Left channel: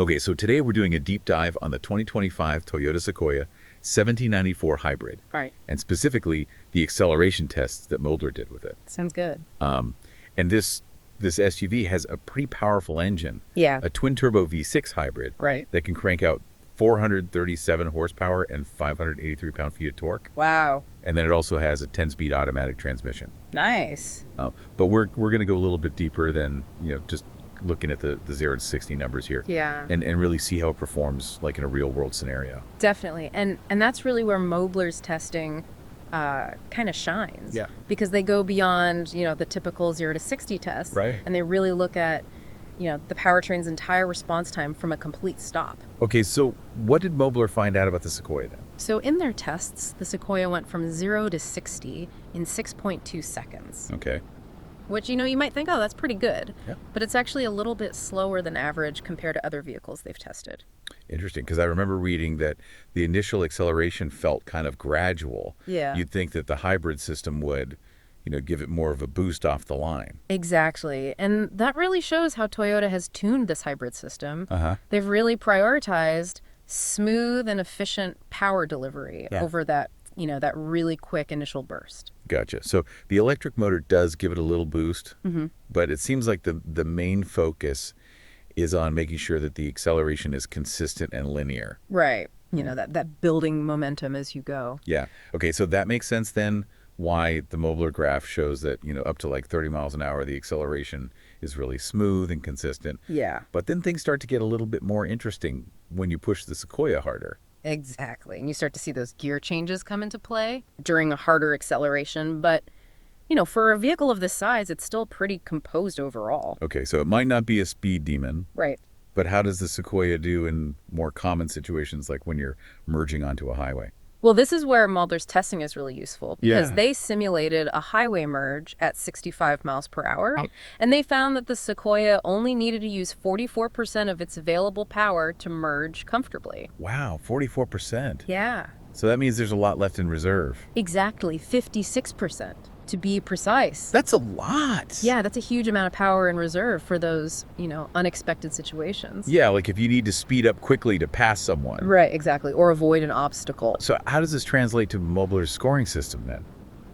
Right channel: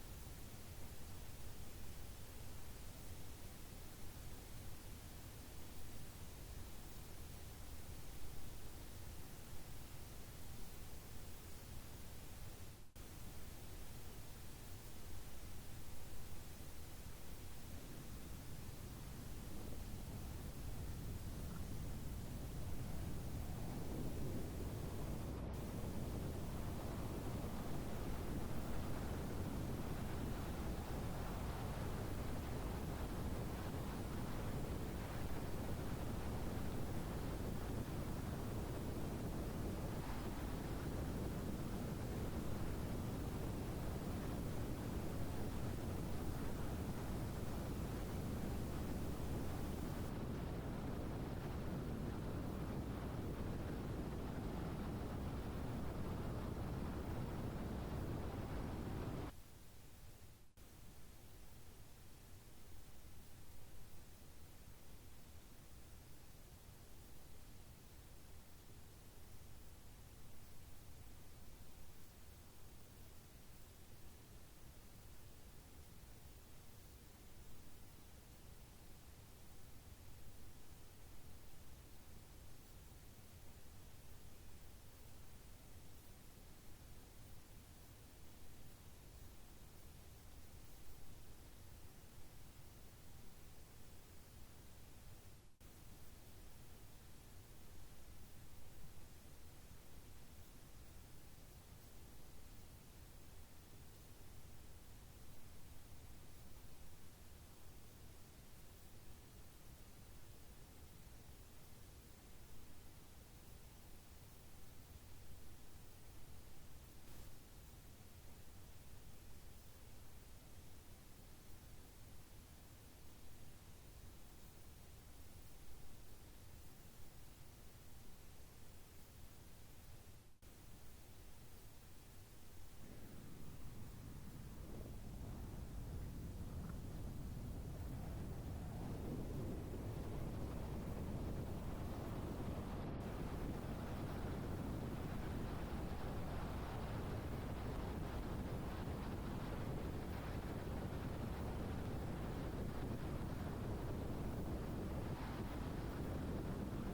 Okay, so today we're doing a deep dive on the 2025 Toyota Sequoia 1794 hybrid, Right. and specifically the acceleration tests that Mulder did with it. Sounds good. And this SUV has a pretty powerful engine, Yeah. a twin-turbo V6 hybrid Right. that can crank out 437 horsepower and 583 pound-feet of torque. Wow. And then it also has a 10-speed automatic transmission. Nice. But we're going to go a little bit deeper than just looking at the 0 to 60 numbers here. Yeah. And really see how it performs like in a real world scenario. Definitely. And that's really where Mobler's testing kind of shines. Yeah. Because they go beyond, the typical 0 to 60 test. Right. And they really look at, the powertrain's entire response time from a complete stop. Okay, so what did Mobler find out about the Sequoia then? So in their tests, the Sequoia went from 0 to 60 in 6.2 seconds. Okay. Which, you might think, oh, that's pretty good. Yeah. But it's actually a little bit slower than average compared to other vehicles they've tested. Interesting, because I remember reading that the initial acceleration felt kind of gradual. Yeah. You'd think that the hybrid system would, give it more of a boost off the line. Exactly. And that really shows how Toyota has tuned this hybrid system. Uh-huh. They've really prioritized smooth and efficient power delivery over that, that really quick initial burst. Gotcha. So the electric motor does give it a little boost, but it seems like the main focus is on making sure that the acceleration is consistent and linear. Right. That building momentum as you go. Yeah. Okay, so that makes sense then why the Mobler graph shows that, up to like 30 miles an hour, the acceleration is really smooth and consistent. Yeah. But then things start to get a little bit more interesting when you push the Sequoia harder. Exactly. And you start to see those gear changes come into play during a harder acceleration. But, for a vehicle of this size, it's still pretty composed overall. Okay, so it might not be a speed demon. Right. But how does the Sequoia do in more common situations like when you're merging onto a highway? Well, this is where Mulder's testing is really useful because Yeah. they simulated a highway merge at 65 miles per hour, and they found that the Sequoia only needed to use 44% of its available power to merge comfortably. Wow, 44%. Yeah, So that means there's a lot left in reserve. exactly, 56% to be precise. That's a lot. Yeah, that's a huge amount of power in reserve for those, unexpected situations. Yeah, like if you need to speed up quickly to pass someone. Right, exactly, or avoid an obstacle. So how does this translate to Mobler's scoring system then?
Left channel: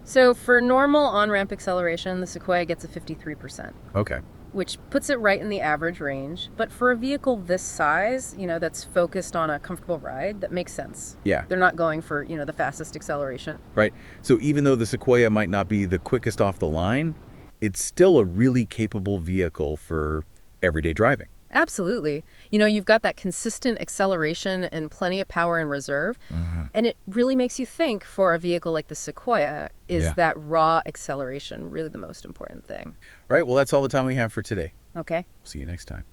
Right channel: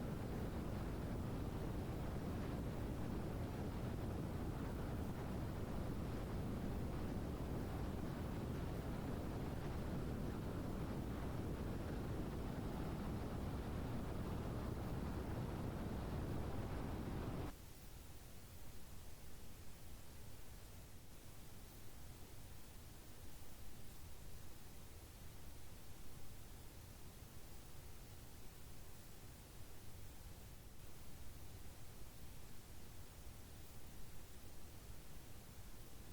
So for normal on-ramp acceleration, the Sequoia gets a 53%. Okay. Which puts it right in the average range. But for a vehicle this size, that's focused on a comfortable ride, that makes sense. Yeah. They're not going for, the fastest acceleration. Right. So even though the Sequoia might not be the quickest off the line, it's still a really capable vehicle for everyday driving. Absolutely. You've got that consistent acceleration and plenty of power in reserve. And it really makes you think for a vehicle like the Sequoia, is that raw acceleration really the most important thing? Right. Well, that's all the time we have for today. Okay. See you next time.